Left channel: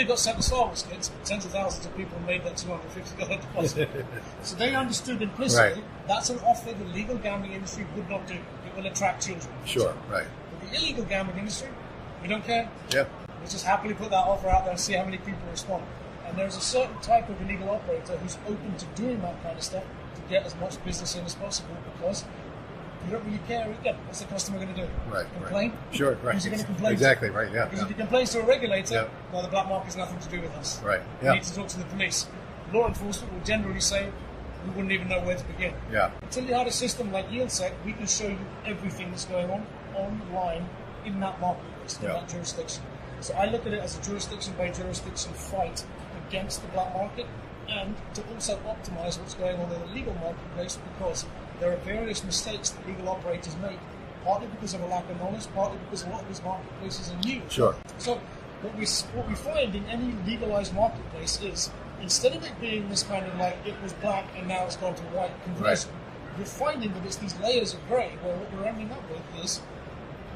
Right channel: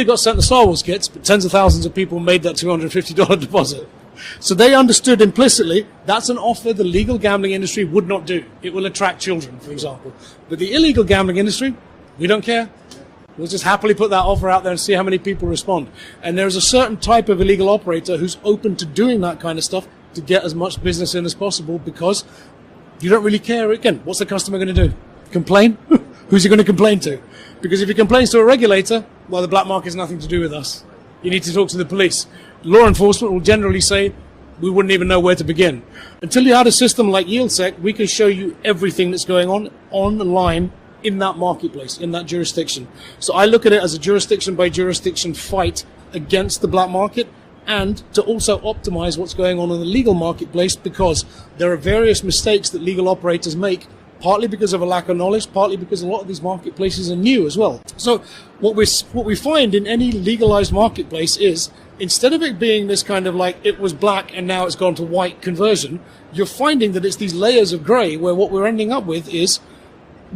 Nobody got sent the Star Wars kits, but tens of thousands of people made that $250 deposit. So they understood implicitly that's an offer the legal gambling industry would not do. It will attract children, for example. Right. But the illegal gambling industry, we don't care. Yeah. We'll just happily put that offer out there and see how many people respond. And there's a certain type of illegal operator who's open to doing that kind of stuff to get as much business in as possible, because you don't really care. Again, what's the customer going to do? Right. Complain? Sure, right. Who's he going to complain Exactly, to? right, yeah. Because if he complains to a regulator, Yeah. well, the black market has nothing to do with us. Right. You Yeah. need to talk to the police. Law enforcement will generally say, we wouldn't even know where to begin. Yeah. Until you had a system like YieldSec, we can show you everything that's going on online in that marketplace, in that jurisdiction. So I look at it as a jurisdiction by jurisdiction fight against the black market, and to also optimize what's going on in the legal marketplace, because there are various mistakes that legal operators make, partly because of a lack of knowledge, partly because a lot of these marketplaces are new as well. So what we find in any legalized marketplace is, instead of it being this kind of like it was black and now it's gone to white conversion, you're finding that it's these layers of gray, where what we're ending up with is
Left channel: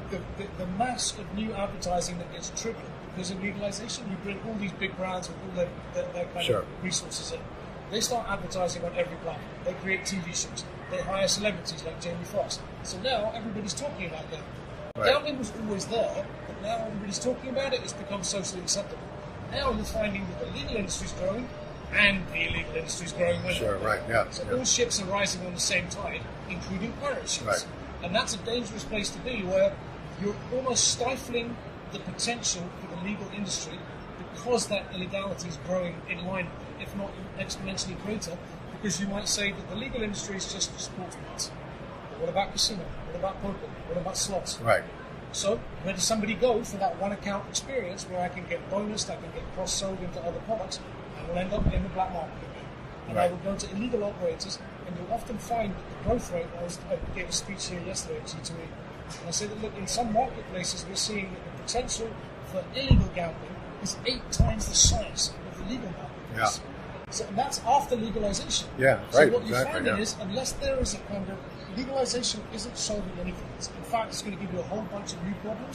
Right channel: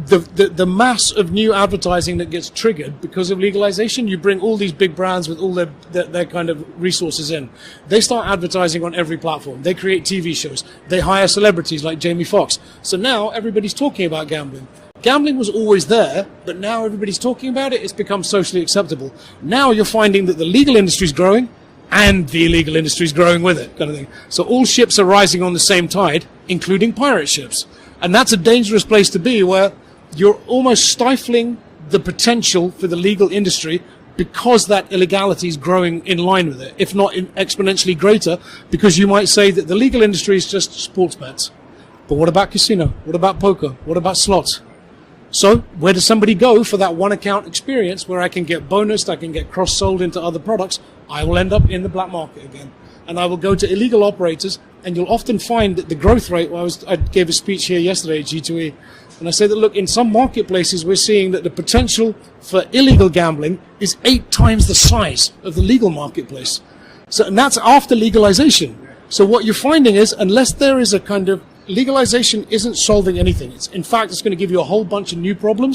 the mass of new advertising that gets triggered because of legalization. You bring all these big brands with all their kind of resources in. They start advertising on every platform. They create TV shows. They hire celebrities like Jamie Foxx. So now everybody's talking about gambling. Gambling was always there, but now everybody's talking about it. It's become socially acceptable. Now you're finding that the legal industry is growing and the illegal industry is growing with it. Kind of thing. So all ships are rising on the same tide, including pirate ships. And that's a dangerous place to be, where you're almost stifling the potential for the legal industry, because that illegality is growing in line with it, if not exponentially greater, because you might say that the legal industry is just sports bets. But what about casino? What about poker? What about slots? Right. So where does somebody go for that one account experience where I can get bonused, I can get cross-sold into other products? I will end up in the black market again. And I will go to illegal operators, and you'll often find that the growth rate, I gave a speech here yesterday at G2E, and I said that, look, in some marketplaces we're seeing that the potential for illegal gambling is 8 times the size of the legal marketplace. So, and that's after legalization. So what you're finding is, unless there is a kind of legalization isn't solving anything. In fact, it's going to give you a whole bunch of new problems.